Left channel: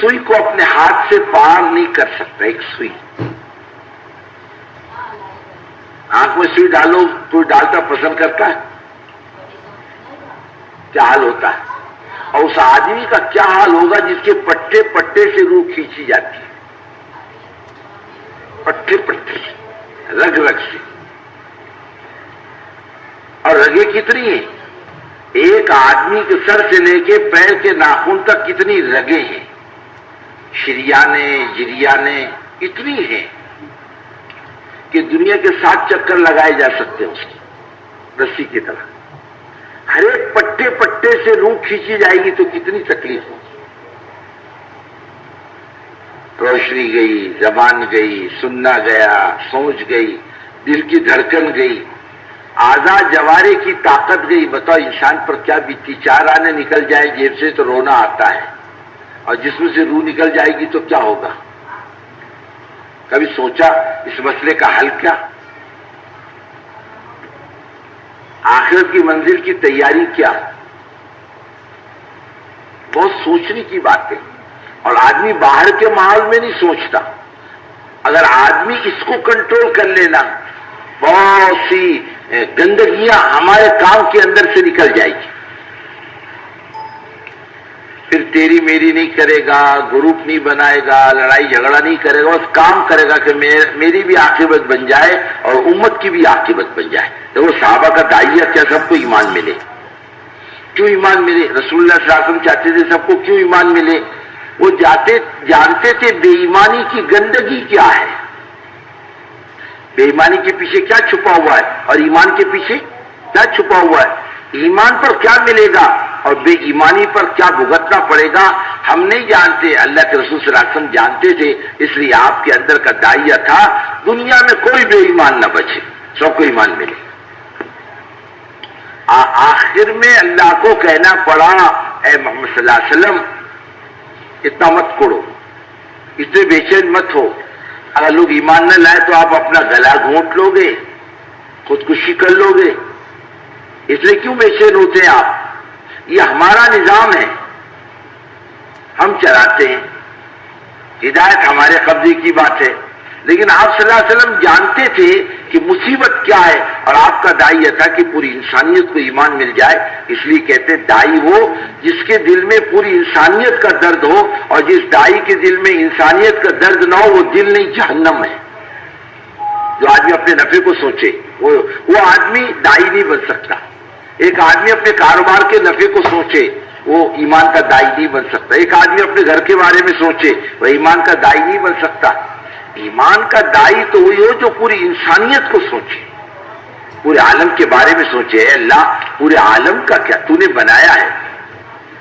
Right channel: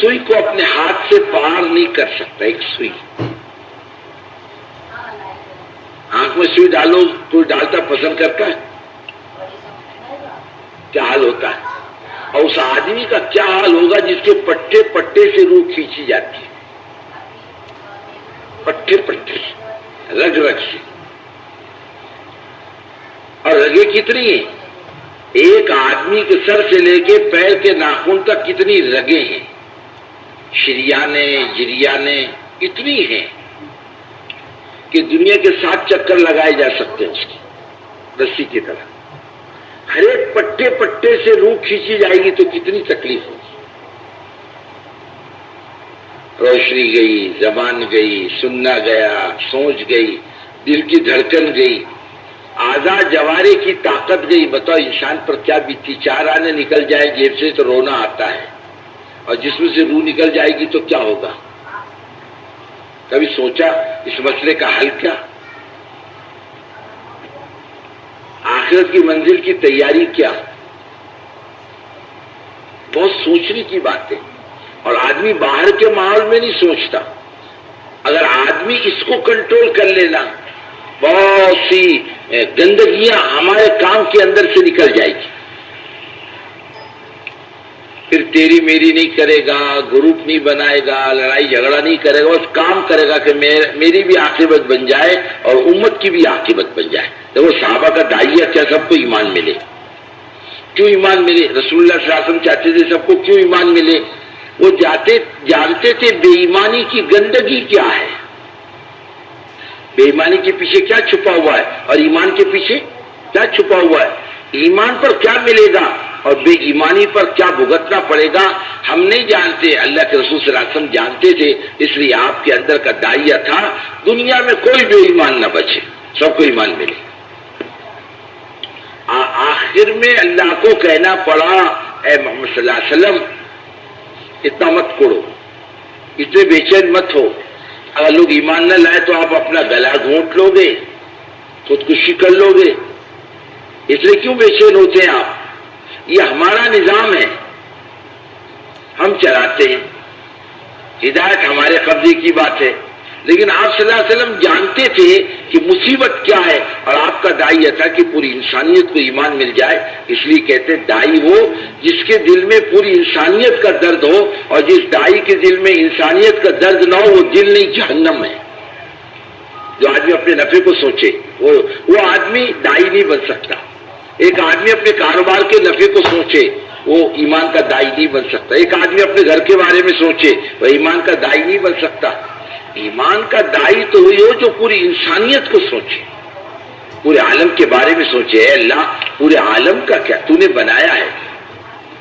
سوئی کو اپنے ہاتھ سے پار نہیں کر سکتا. ایک سوئی, آنکھ میں سوئی ڈالو, کوئی ڈالتا پسند کرتا ہے؟ کیا حال ہوتا ہے؟ اور اس آدمی کا کیا حال ہوگا جس کے پٹے پٹے سے روح کھینچی جاتی ہے, پٹے پٹے رگ رگ سے. اور رگیں کتنی ہیں؟ ایک آدمی کے سر سے لے کے پیر کے ناخن تک کتنی رگیں ہیں, شریانے جریانے اتنی ہیں کہ دنیا کے 7 چکر لگائے جا سکتے ہیں اس کی رسی کی طرح. ہر ایک پٹے پٹے سے روح کھینچی جائے گی تو کتنی تکلیف ہوگی. روشنی گئی, زبان گئی, سننا گیا, سوچ گئی, دل کی دھڑکن گئی, اعضاء جوارے کی طاقت گئی. بتاؤ انسان پر کیا بیتی. 4 آنے نکل جائے جیب سے تو رونا آتا ہے, اور جسم سے روح نکل جائے گی تو کیا ہوگا؟ کبھی سوچا اس مسئلے کا حل کیا؟ آخرت کی منزل کی تیاری کیا؟ بہت سوچنے کی بات ہے. اور آدمی باہر کے ماحول میں نہیں سوچتا. اگر آدمی اس کو کنٹرول کر لینا, بہت سی گندگیاں ہمارے کام کے اندر سے نکل جائے گی. پھر تیری میری نہیں کرے گا, گروپ نہیں بنائے گا, لڑائی جھگڑا نہیں کرے گا, بس کام کرے گا کہ میری بھی عاقبت بن جائے اور امت کی بھی عاقبت بن جائے. وہ صحابہ کا داعیہ کیا سب کو ایمان ملے. کیوں ایمان ملے؟ رسول اللہ صلی اللہ علیہ وسلم چاہتے تھے سب کو کیوں ایمان ملے. وہ جانتے تھے بے ایمانی کی گندگی کیا ہے, بے ایمانی کے پیچھے کیا چھپا ہوا ہے اور ایمان کے پیچھے کیا چھپا ہوا ہے. ایمان پر کیا ملے گا اور بے ایمانی پر کیا بھگتنا پڑے گا ہم نہیں جانتے. اللہ کے رسول صلی اللہ علیہ وسلم جانتے تھے, اس لیے آپ کے اندر کا داعیہ تھا دنیا میں کوئی بے ایمان نہ بچے, سب کو ایمان ملے. آخر میں اللہ کو کہنا پڑا اے محمد صلی اللہ علیہ وسلم اتنا مت کوڑو, اتنے بے چین مت ہو. اگر لوگ ایمان نہ لائے تو آپ اپنا گلا گھونٹ لو گے, خودکشی کر لو گے. اس لیے کیوں بے چین ہوتے ہیں آپ؟ یہ ہمارا نظام ہے, ہم چلاتے ہیں, ہدایت ہمارے قبضے کی بات ہے. لیکن آپ صلی اللہ علیہ وسلم جانتے تھے کہ مصیبت کیا ہے, اور آپ کا داعیہ تھا کہ پوری انسانیت کو ایمان مل جائے. اس لیے کہتے ہیں داعی وہ جس کے دل میں پوری انسانیت کا درد ہو, اور جس داعی کے دل میں انسانیت کا درد نہ ہو وہ دل نہیں جہنم ہے. جو آدمی اپنے نفع کو سوچے وہ آدمی داعی نہیں بن سکتا. ایک آدمی اپنے کاروبار کے نفع کو سوچے وہ ایمان کا داعی نہیں بن سکتا. ایک آدمی اپنے گھر کے بارے میں سوچے وہ ایمان کا داعی نہیں بن سکتا. ایمان کا داعی تو وہی ہو جو پوری انسانیت کو سوچے, پورے عالم کے بارے میں سوچے. اے اللہ پورے عالم کا کیا تو نے بنایا ہے,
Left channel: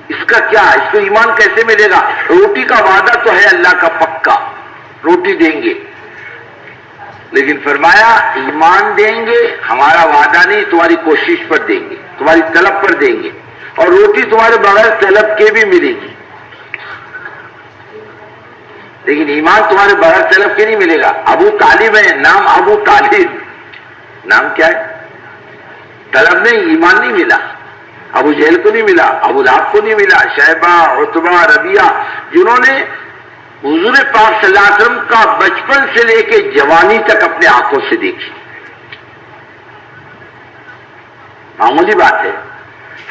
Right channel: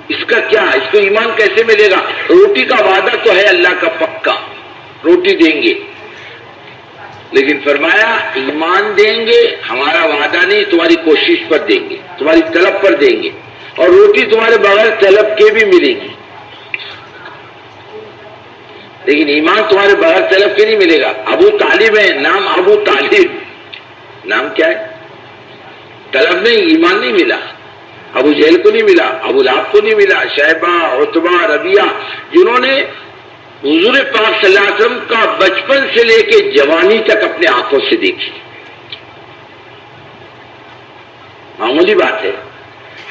اس کا کیا, اس کو ایمان کیسے ملے گا؟ روٹی کا وعدہ تو ہے اللہ کا پکا, روٹی دیں گے, لیکن فرمایا ایمان دیں گے ہمارا وعدہ نہیں, تمہاری کوشش پر دیں گے, تمہاری طلب پر دیں گے, اور روٹی تمہارے بغیر طلب کے بھی ملے گی. لیکن ایمان تمہارے بغیر طلب کے نہیں ملے گا. ابو طالب ہے, نام ابو طالب, نام کیا ہے؟ طلب نہیں, ایمان نہیں ملا. ابو جہل کو نہیں ملا, ابو لہب کو نہیں ملا, شیبہ, عتبہ, ربیعہ, جنہوں نے حضور پاک صلی اللہ علیہ وسلم کا بچپن سے لے کے جوانی تک اپنے آنکھوں سے دیکھی. معمولی بات ہے.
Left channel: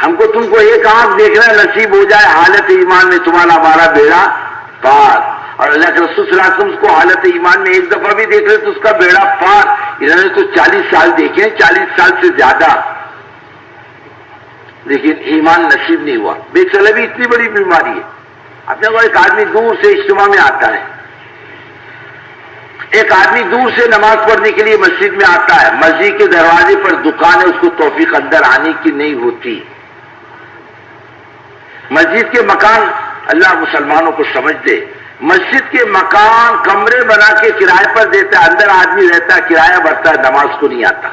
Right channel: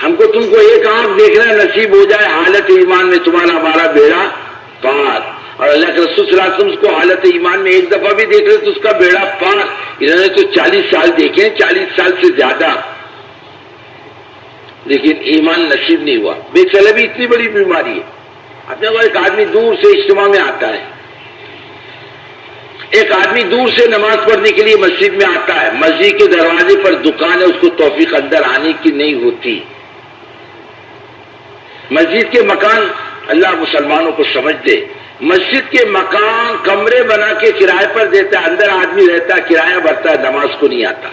ہم کو تم کو ایک آنکھ دیکھنا نصیب ہو جائے حالت ایمان میں, تمہارا ہمارا بیڑا پار. اور اللہ کے رسول صلی اللہ علیہ وسلم اس کو حالت ایمان میں ایک دفعہ بھی دیکھ رہے تو اس کا بیڑا پار. انہوں نے تو 40 سال دیکھے, 40 سال سے زیادہ, لیکن ایمان نصیب نہیں ہوا. بے طلبی اتنی بڑی بیماری ہے. اپنے کو ایک آدمی دور سے اجتماع میں آتا ہے, ایک آدمی دور سے نماز پڑھنے کے لیے مسجد میں آتا ہے, مسجد کے دروازے پر دکان ہے, اس کو توفیق اندر آنے کی نہیں ہوتی. مسجد کے مکان, اللہ مسلمانوں کو سمجھ دے, مسجد کے مکان کمرے بنا کے کرائے پر دیتا ہے, اندر آدمی رہتا ہے, کرایہ بھرتا ہے, نماز کو نہیں آتا.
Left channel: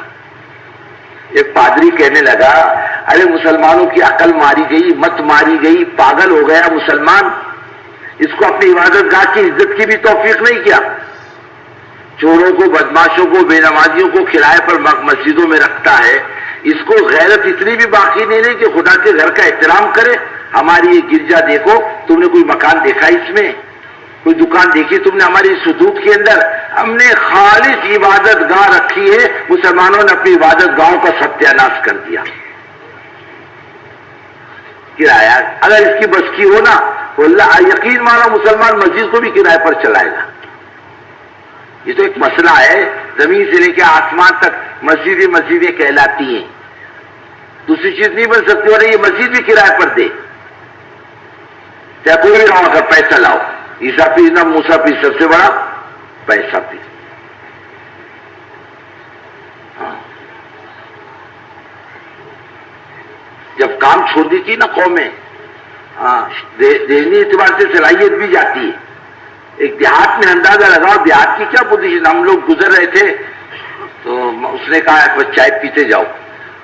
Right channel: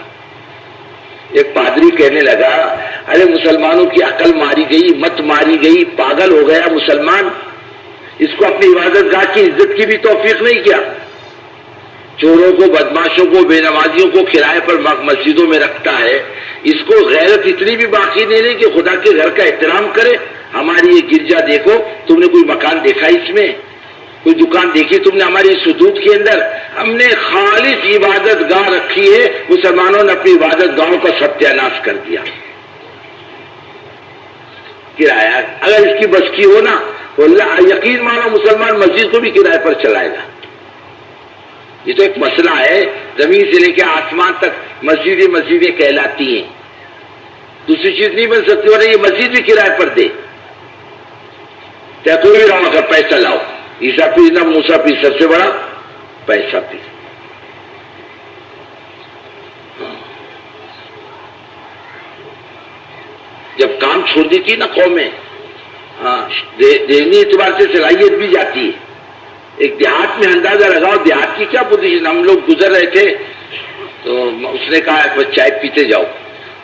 ایک پادری کہنے لگا ارے مسلمانوں کی عقل ماری گئی, مت ماری گئی, پاگل ہو گیا مسلمان, اس کو اپنی عبادت گاہ کی عزت کی بھی توفیق نہیں کیا. چوروں کو, بدماشوں کو, بے نمازیوں کو کرائے پر مسجدوں میں رکھتا ہے. اس کو غیرت اتنی بھی باقی نہیں رہی کہ خدا کے گھر کا احترام کرے. ہماری یہ گرجا دیکھو، تم نے کوئی مکان دیکھا اس میں؟ کوئی دکان دیکھی تم نے ہماری اس حدود کے اندر؟ ہم نے خالص عبادت گاہ رکھی ہے، مسلمانوں نے اپنی عبادت گاہوں کا ستیہ ناش کر دیا۔ کرایہ اگر اس کی بس کی ہو نا تو اللہ یقین مانو مسلمان مسجد کو بھی کرائے پر چلائے گا۔ یہ تو ایک مسئلہ ہے، زمین سے لے کے آسمان تک مسجدیں کہلاتی ہیں، دوسری چیز نہیں بن سکتی، اور یہ مسجد بھی کرائے پر دے، چاہے کوئی بھی رہو، اگر پیسہ لاؤ، عیسیٰ پیر نہ موسیٰ پیر، سب سے بڑا پیسہ پیر۔ جب کام چھوڑ دیتی نا قومیں، ذہنی اعتبار سے صلاحیت بھی جاتی ہے۔ ایک دیہات میں اندازہ لگاؤ دیہات کی کیا پوزیشن، ہم لوگ گزر رہے تھے تو اس نے کہا بس چائے پیتے جاؤ،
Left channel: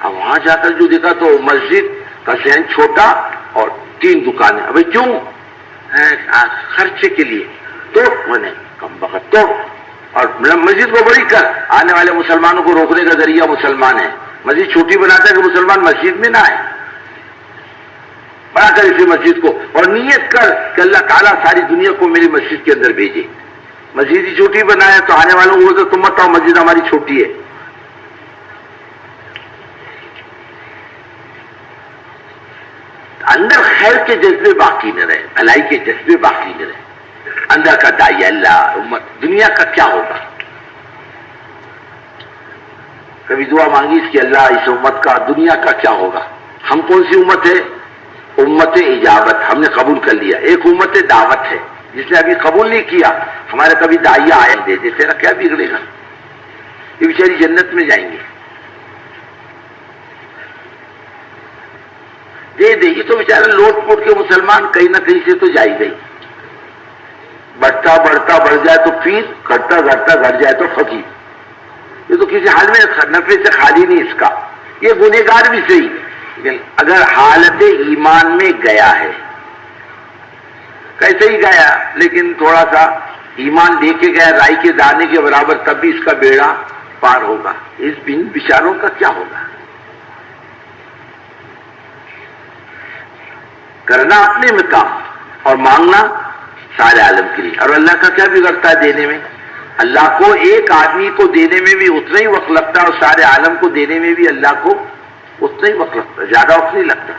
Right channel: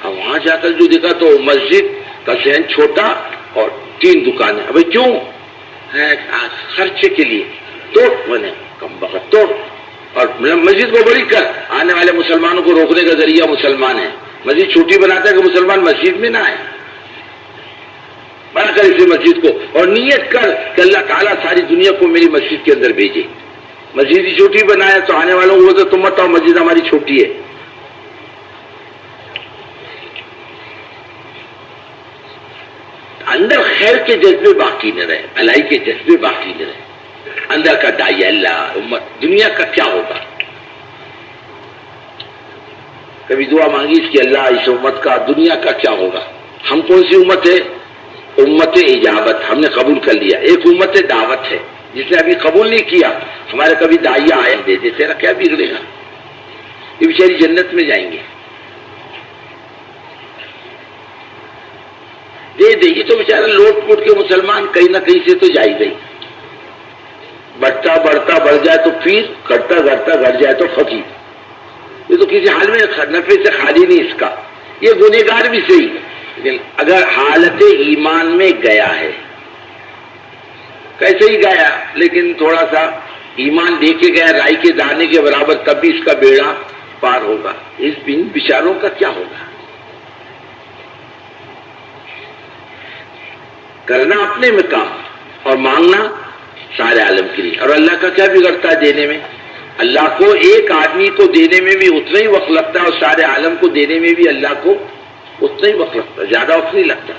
ہم وہاں جا کر جو دیکھا تو مسجد کا صحن چھوٹا اور 3 دکانیں۔ ابھی کیوں؟ خرچے کے لیے تو بنے کم بخت تو، اور مسجد کو بڑی کر، آنے والے مسلمانوں کو روکنے کا ذریعہ مسلمان ہے، مسجد چھوٹی بناتا ہے کہ مسلمان مسجد میں نہ آئے، بڑا کر اسے مسجد کو، اور نیت کر کہ اللہ تعالیٰ ساری دنیا کو میری مسجد کے اندر بھیجے۔ مسجد ہی چھوٹی بنایا تو آنے والوں کو تو تم بتاؤ مسجد ہماری چھوٹی ہے۔ اندر خیر کے جذبے باقی نہ رہے، بھلائی کے جذبے باقی نہ رہے، اندر کا داعیہ اللہ امت دنیا کا کیا ہوگا؟ کبھی دعا مانگی اس کی اللہ اس امت کا دنیا کا کیا ہوگا؟ ہم کون سی امت ہے؟ امت اجابت، ہم نے قبول کر لیا۔ ایک امت دعوت ہے جس نے ابھی قبول نہیں کیا، ہمارے کبھی داعیہ آئے دے دے، تیرا کیا بگڑے گا؟ یہ بیچاری جنت میں جائیں گے، دے دے۔ یہ تو بیچارہ لوٹ پوٹ کے مسلمان کہیں نہ کہیں سے تو جائی گئی، بڑھتا بڑھ جائے تو پیر، گھٹتا گھٹ جائے تو فقیر۔ یہ تو کسی حال میں نفع سے خالی نہیں اس کا، یہ گنہگار بھی صحیح، لیکن اگر حالت ایمان میں گیا ہے، کیسے ہی گیا لیکن تھوڑا سا ایمان دے کے گیا رائی کے دانے کے برابر، تب بھی اس کا بیڑا پار ہوگا۔ اس بن بیچاروں کا کیا ہوگا؟ کرنا اپنے میں کام اور مانگنا سارے عالم کے لیے، اور اللہ کا کیا بگڑتا ہے دینے میں؟ اللہ کو ایک آدمی کو دینے میں بھی اتنا ہی وقت لگتا ہے، اور سارے عالم کو دینے میں بھی اللہ کو اتنا ہی وقت لگتا ہے، زیادہ وقت نہیں لگتا۔